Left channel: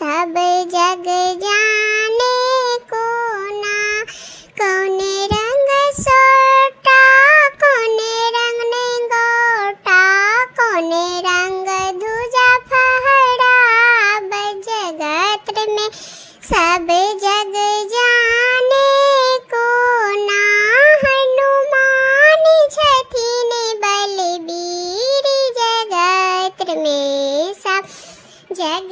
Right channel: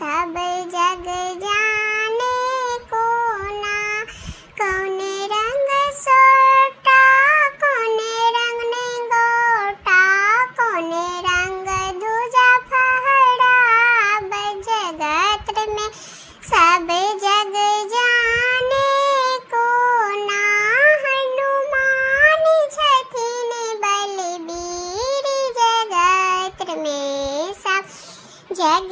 सब जग जाने कोना, कोने रंग सोटा, कोने रंग ने गोटा, कोने रंग दूजा फहरा, जगत में सब जग जाने कोना, हनुमान छठी ने बलबीर, जगत में सब जग